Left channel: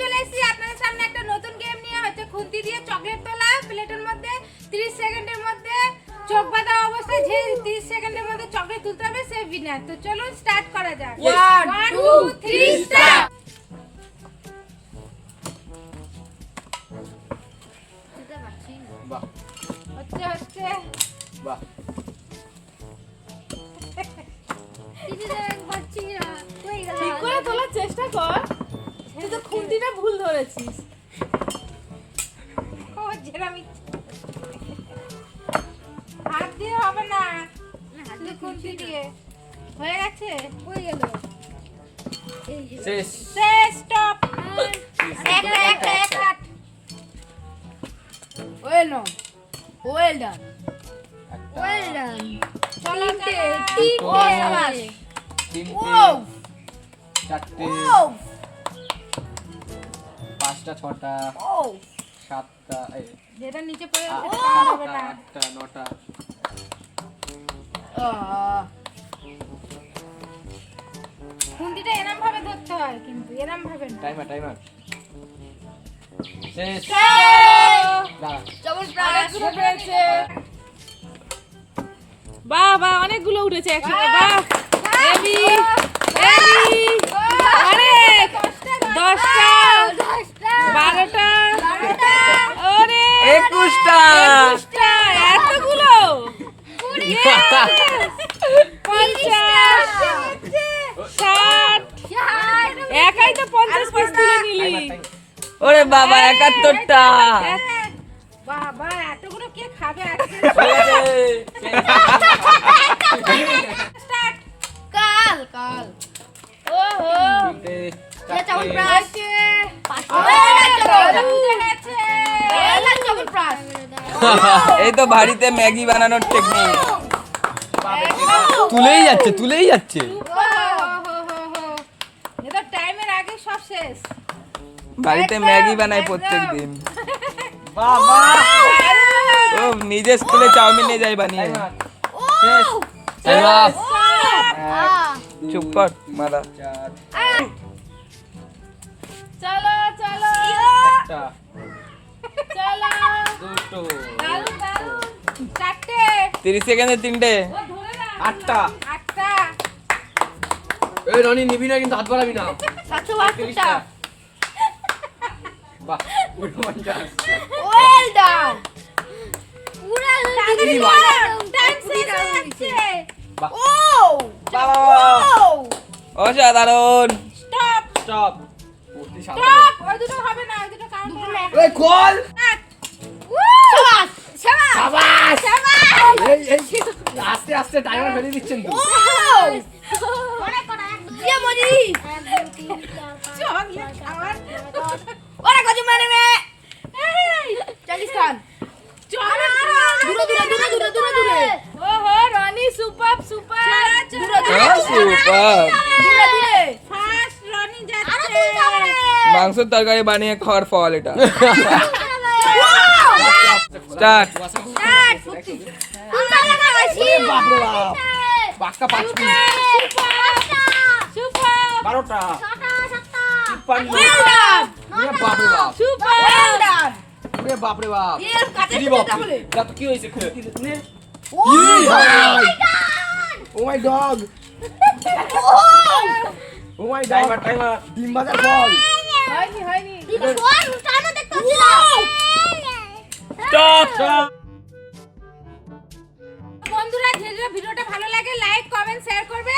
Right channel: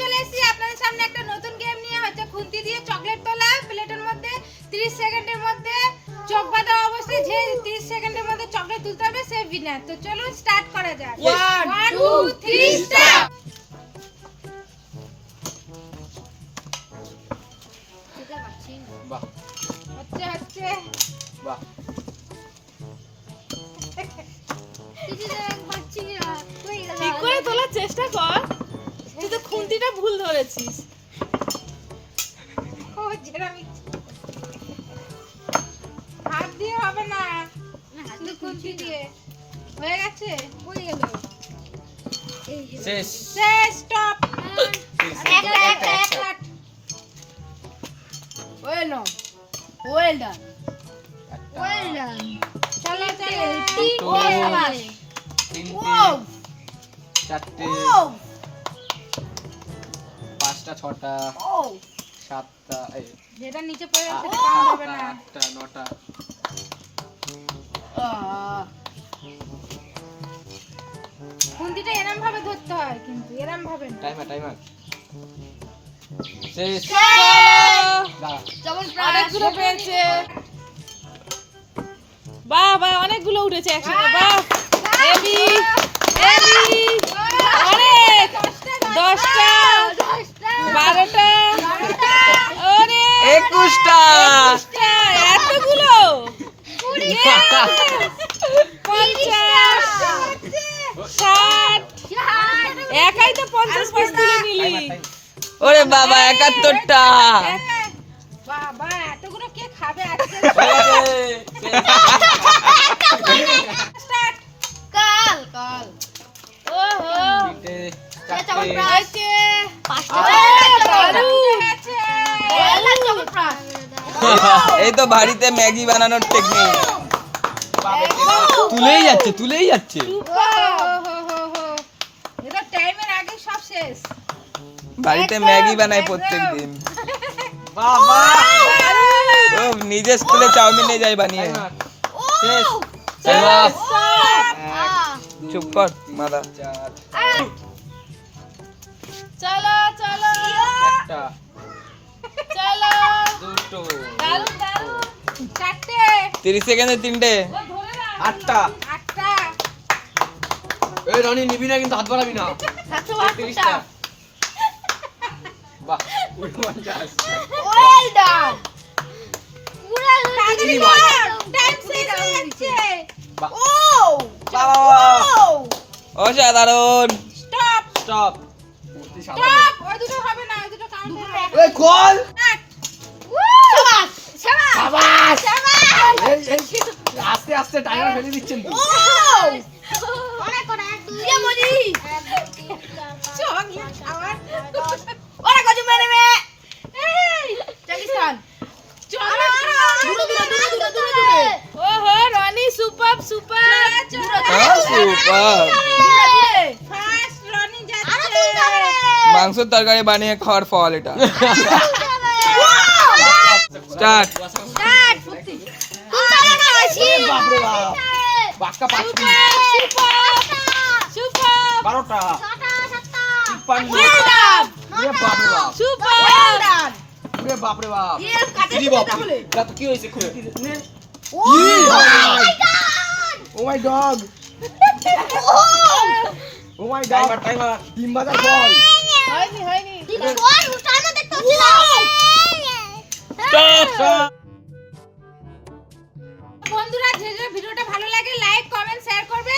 চলে এসেছি আপনাদের সামনে একটা নতুন গেম নিয়ে। হচ্ছে খুন্তি দিয়ে চকলেট তোলা, প্লেটের মধ্যে 30 সেকেন্ডের মধ্যে চোখ বাঁধা অবস্থায় যে 30 সেকেন্ডের মধ্যে চকলেট তুলতে হবে সে উইনার। তো চলুন স্টার্ট করা যাক। 1 2 3 স্টার্ট। বাহ হচ্ছে বাহ ঠিক করে তোলার চেষ্টা কর। তুই তো খুন্তিটা ভুল ধরেছিস। ও যেরকম হাত দিয়ে হবে না, শুধু খুন্তি দিয়ে। হয়ে গেছে, হয়ে গেল। শেষ শেষ, stop. Well done, well done, well done. চলো চলো। তিনটে চারটে পাঁচটা ছটা সাতটা যেটা নিচে পড়ে আছে সেটা কাউন্ট হবে না। আটটা নটা খুন্তিটা এরম ভাবে ধরতে হয়, কিন্তু এরম ভাবে না। টাইমার টাইমার শেষ দাঁড়া অনেকগুলো পেয়েছে। বাহ বাহ, অনেকগুলো উঠেছে একসাথে। বাহ, হেভি হেভি। অনেক, 10টা 12টা, ওরে 21টা 21টা, এতগুলো। 50 60, একাই তো 50 পিস তুলে নিলি। ওরে বাবা 71টা বাবা এতগুলো কে খাবে আজকে? স্টার্ট। কাল কাল। ওহো, তিনটে চারটে আছে 5টা। এই তো বাড়িতে ম্যাগি বানানোর টেকনিক। তুলেই যাচ্ছে এটা টাইমের আগে সব শেষ। বাড়িতে ম্যাগি বানায় প্রত্যেকদিন। বাবা ও নিজে স্কুলে চাউমিন নিয়ে যায় বানিয়ে। শেষ শেষ চুপ কর মাদা। চার চলো চলো একটা চলো। দুটো দারুন দারুন। চারটে 30 সেকেন্ডে 3টে। আটটা আটটা এই রনি নিবি না কিন্তু হাত বাড়াবি না 752টা। বাহ 49 ওয়েল ডান। ইনি ভাই টাইম শেষ হয়ে যাচ্ছে। বাহ ও বাবা অসাধারণ। Stop stop stop. ওই দুটো হবে না, ওই দুটো কাউন্ট হবে না। এই খোল শাবাশ শাবাশ। এই এই আস্তে আস্তে টাইমার ফেলে দিচ্ছেন তো চকলেট খাওয়ার। ওরা কত মেরে মে এই, পাকিস্তান। চকলেট দূরে। ওহো, রনি সুপার সুপার। দূরে সুপার। দূরে। ফার্স্ট রনি যাচ্ছে। মাংসের তরকারি বানিয়ে খাওয়ার ফল এটা। স্টার্ট। বাপরে বাপ পাঁচটা 5 মিনিট সুপার 12টা 53 এ বাপরে বাপ সুপার। এ বাপরে বাপ কাছে কি বাপ রাত কি হইছে খুঁটি নে oh my dog oh my dog timer ডিম বাজার বল হয়নি। স্টপ। বন্ধুরা, যে ভিডিওটা ভালো লাগে লাইক কমেন্ট শেয়ার করবে।